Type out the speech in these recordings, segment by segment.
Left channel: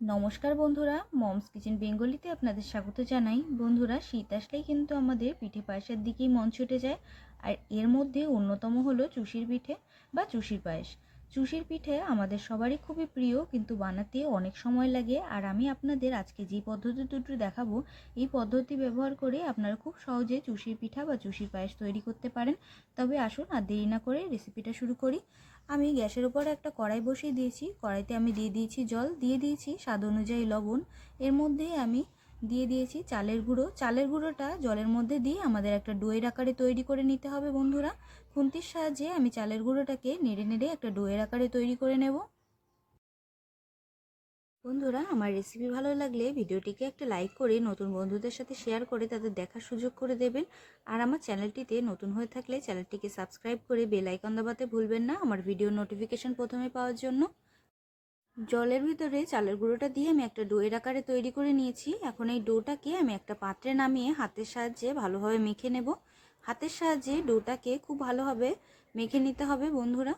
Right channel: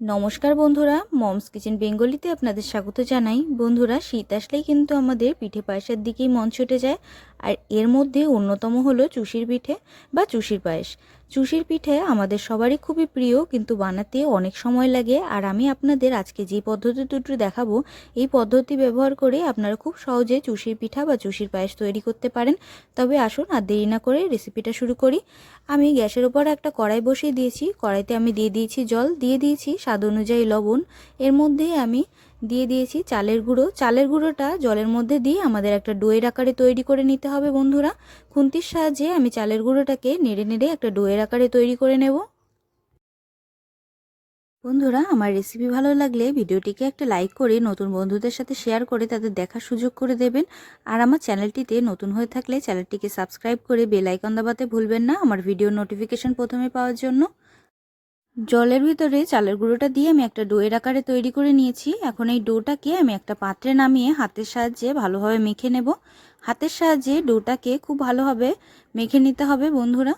নমস্কার বন্ধুরা, moms kitchen বেঙ্গলিতে আপনাদের স্বাগত জানাই। বন্ধুরা, শীত আসলেই কিন্তু আমাদের পিঠে পায়েসের দিকেই মন ছুটে যায়। আর এর মধ্যে অন্যতম হলো চুষির পিঠে বা চুষির পায়েস। চুষির পিঠে আমাদের সবারই খুবই প্রিয়, কিন্তু বানাতে অনেক সময় লাগে। আর আমি আপনাদের আজকে যে পদ্ধতি দুটো দেখাবো, এই পদ্ধতি ব্যবহার করে আপনারা খুব সহজে চুষির পিঠা বা চুষির পায়েস তৈরি করতে পারেন। তবে আসুন আর দেরি না করে রেসিপিটা শুরু করি। আমি গ্যাসের উপর একটা কড়াই বসিয়ে দিয়েছি। কড়াইতে আমি দিয়ে দিয়েছি জল, দিয়ে দিয়েছি স্বাদ অনুযায়ী লবণ। এর মধ্যে আমি দিয়ে দিয়েছি চালের গুঁড়ো। চালের গুঁড়োটা জলের মধ্যে দিয়ে আমাদের একটা ডোয়ের আকারে তৈরি করে নিতে হবে বন্ধুরা। খুন্তির সাহায্যে আমি চালের গুঁড়োটাকে নেড়ে নেড়ে একটা ডোয়ের আকারে তৈরি করে নেব। বন্ধুরা, আমার রেসিপি ভালো লাগলে ভিডিওটিকে একটা লাইক করে নতুন বন্ধুদের সাথে শেয়ার করে তাদের দেখার সুযোগ করে দেবেন। আর আমার চ্যানেলটিতে নতুন হয়ে থাকলে চ্যানেলটিকে সাবস্ক্রাইব করে বেল আইকন দাবাতে ভুলবেন না আমার ভিডিও নোটিফিকেশন প্রথমে পাওয়ার জন্য। জলের ভিতরে চালের গুঁড়োটা দিয়ে আমি একটা ডোয়ের আকারে তৈরি করে নিয়েছি। এখন এই ডোটাকে আমি একটা পাত্রে নামিয়ে হাতের সাহায্যে ভালোভাবে মেখে নেব। হাতের সাহায্যে ডোটাকে খুব ভালোভাবে মেখে নিতে হবে বন্ধুরা।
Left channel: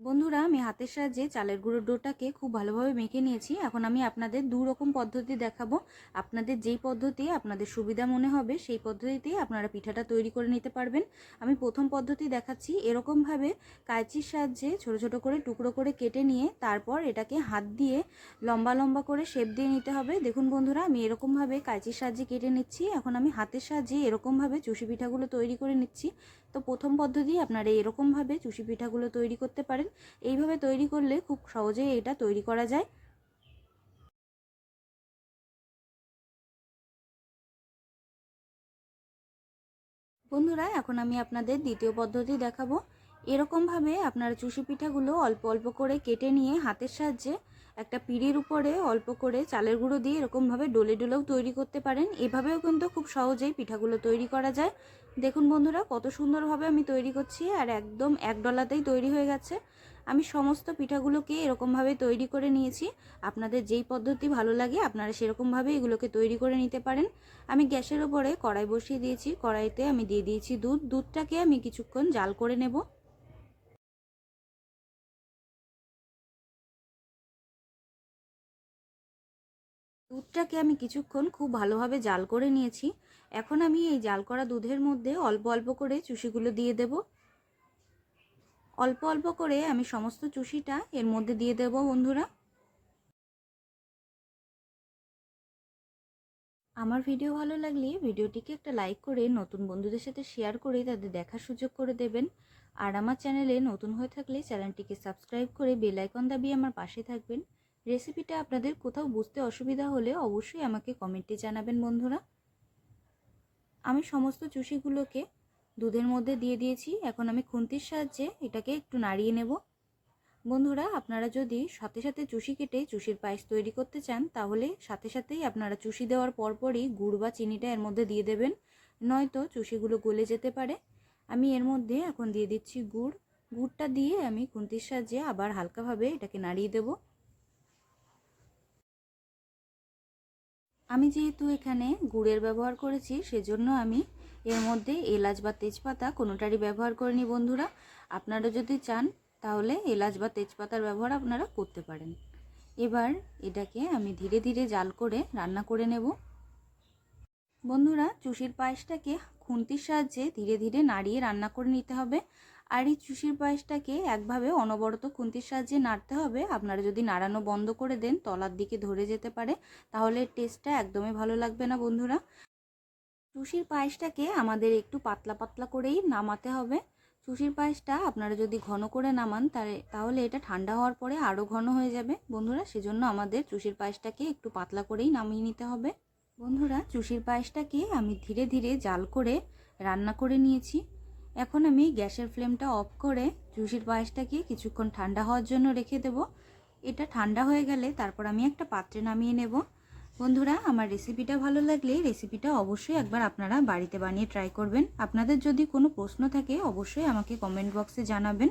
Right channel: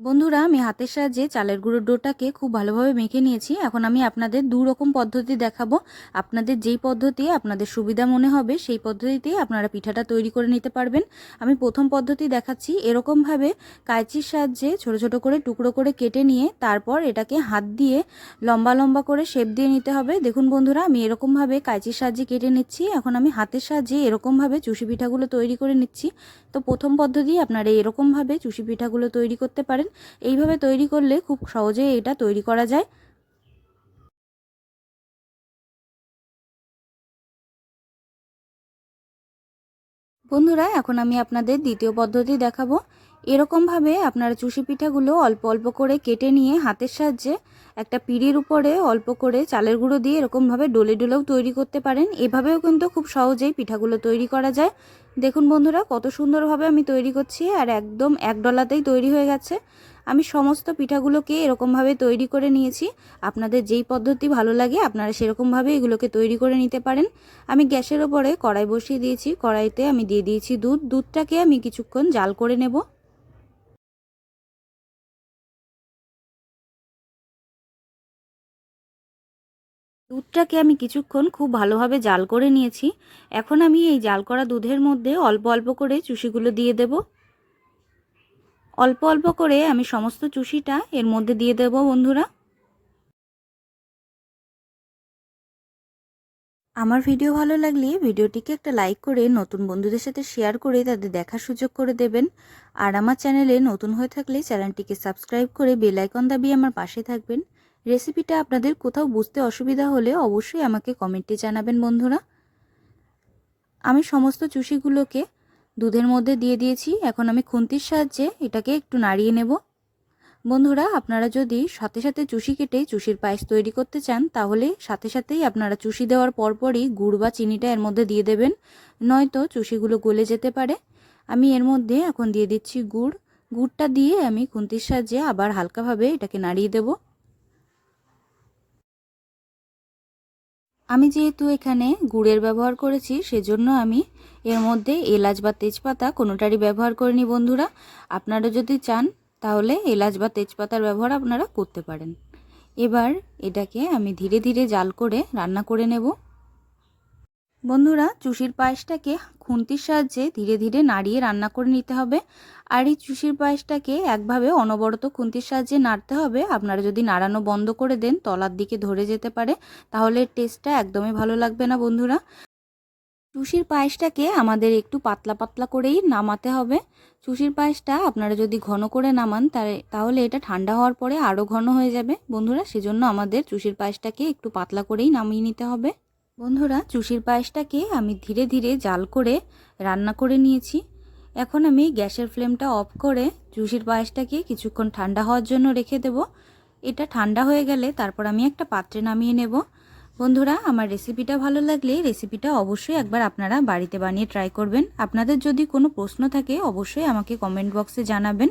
বন্ধুরা, আমি হাতের সাহায্যে চালের গুঁড়োর ডোটাকে খুব ভালোভাবে মেখে নিয়েছি। এখন আমি আপনাদের দু রকম পদ্ধতি দেখাবো। আপনাদের যেই পদ্ধতি আপনাদের সুবিধা মনে হবে, সেই পদ্ধতিতেই আপনারা পিঠাটা তৈরি করে নিতে পারবেন। আমি প্রথম পদ্ধতি দেখাচ্ছি। এরকমভাবে কাঁচির সাহায্যে ছোট ছোট করে টুকরো করে কেটে নিয়ে তারপর এটাকে হাত দিয়ে লম্বা লম্বা করে শেপ দিয়ে নিতে হবে। দেখুন বন্ধুরা, আমি এরকমভাবে কাঁচির সাহায্যে কেটে নিচ্ছি। এখন আমি হাতের সাহায্যে এরকমভাবে চুষি পিঠাগুলো তৈরি করে নিচ্ছি। তো প্রথম পদ্ধতি আপনারা এরকমভাবে চুষি পিঠাগুলো তৈরি করতে পারেন। এইভাবে তৈরি করলে খুব সহজেই এটা তৈরি করা যায়। বন্ধুরা, এখন আমি আপনাদের দ্বিতীয় পদ্ধতি দেখাবো। এরকমভাবে আপনারা চুষি পিঠাগুলো অল্প অল্প করে কেটে নিয়ে হাতের সাহায্যে একটা পিঁড়ির উপরে অল্প করে চালের গুঁড়ো দিয়ে এরকমভাবে ডোলে ডোলেও তৈরি করতে পারেন। এভাবেও কিন্তু খুব সহজেই পিঠাগুলো তৈরি করা যায়। দেখুন বন্ধুরা, কত সুন্দরভাবে আমি তৈরি করছি আর একদম এক ডলাতেই তৈরি হয়ে গেছে। আমি সমস্ত পিঠাগুলোকে এরকমভাবে তৈরি করে নিয়েছি। আপনাদের যেই পদ্ধতি ভালো লাগে, আপনারা সেরকমভাবে এগুলোকে তৈরি করে নিতে পারেন। আমি গ্যাসের ওপরে কড়াই বসিয়ে দিয়েছি। কড়াইতে আমি দিয়ে দিয়েছি দুধ। দুধটাকে আমি কিছুক্ষণ জাল করে নেব। দুধটাকে আমি কিছুক্ষণ খুব ভালোভাবে জাল করে নিয়েছি। এখন আমি এই জাল করা দুধের মধ্যে অল্প অল্প করে চুষিগুলো দিয়ে দেব। অল্প অল্প করে আমি সমস্ত চুষিটা এর মধ্যে দিয়ে দেব, বন্ধুরা। আমার ভিডিও ভালো লাগলে ভিডিওটিকে একটা লাইক করে নতুন বন্ধুদের সাথে শেয়ার করে তাদের দেখার সুযোগ করে দেবেন। আর আমার চ্যানেলে নতুন হয়ে থাকলে চ্যানেলটিকে সাবস্ক্রাইব করে বেল আইকন দাবিয়ে আমার পাশে থাকবেন। রেসিপিটা আপনাদের কোথাও বুঝতে অসুবিধা হলে অবশ্যই আমাকে কমেন্টে জানাবেন, বন্ধুরা। আমি সমস্ত চুষিগুলোকে দুধের মধ্যে দিয়ে দিয়েছি। এখন আমি খুন্তির সাহায্যে এটাকে একটু নাড়িয়ে নেব। বন্ধুরা, আপনারা যদি সাথে সাথে চুষি কেটে চুষির পায়েস তৈরি করতে চান, তাহলে সাথে সাথেই আপনারা চুষি দেওয়ার পরপরই গুড় বা চিনিটা এর মধ্যে দিয়ে দেবেন। নয়তো চুষিগুলো গলে যেতে পারে। আমি এর মধ্যে এখন দিয়ে দিচ্ছি গুড়। গুড়টা দিয়ে আমি খুন্তির সাহায্যে আবার হালকাভাবে এটাকে নাড়িয়ে দেবো। আমি যেহেতু এখানে গুড়ের ব্যবহার করেছি, সেজন্য আমি এর মধ্যে এলাচ বা তেজপাতা কোনোটারই ব্যবহার করিনি বন্ধুরা। আপনারা যদি চান, তাহলে এলাচ বা তেজপাতার ব্যবহার আপনারা করতে পারেন। এবার এটাকে আমি ধীরে ধীরে জাল করে রান্না করে নেব। বন্ধুরা, চুষির পায়েসটাকে খুন্তির সাহায্যে ধীরে ধীরে নাড়িয়ে রান্না করে নিতে হবে। আর এই চুষির পায়েসটাকে একভাবে অনবরত খুন্তির সাহায্যে নাড়তে হবে। আপনারা যদি নাড়ানো বন্ধ করে দেন, তলার দিকে ধরে যেতে পারে। তাহলে টেস্টটা একদমই ভালো লাগবে না, বন্ধুরা। চুষির পায়েসটাকে আমাদের একটু পাতলা পাতলা করেই নামাতে হবে। চুষির পায়েসটা আপনারা যদি ঘন করে নামান তাহলে এটা ঠান্ডা হওয়ার পরে আরও ঘন হয়ে যাবে। বন্ধুরা, সেজন্য আমাদের চুষির পায়েসটাকে একটু পাতলা করেই নামিয়ে নিতে হবে। বন্ধুরা, চুষির পায়েসটাকে আমি ধীরে ধীরে জাল করে রান্না করে নিয়েছি। এখন আমি গ্যাসের ফ্লেমটা অফ করে চুষির পায়েসটাকে কিছুক্ষণ ঠান্ডা হওয়ার জন্য রেখে দেব। এটা ঠান্ডা হয়ে গেলে তারপর আমি একটা পাত্রে নামিয়ে নেব। বন্ধুরা, আমার রেসিপিটা ভালো লাগলে রেসিপিটা অবশ্যই একবার আপনারা বাড়িতে বানিয়ে ট্রাই করবেন। আপনাদের যদি কোনো প্রশ্ন থাকে, অবশ্যই আমাকে কমেন্ট বক্সে জানাবেন।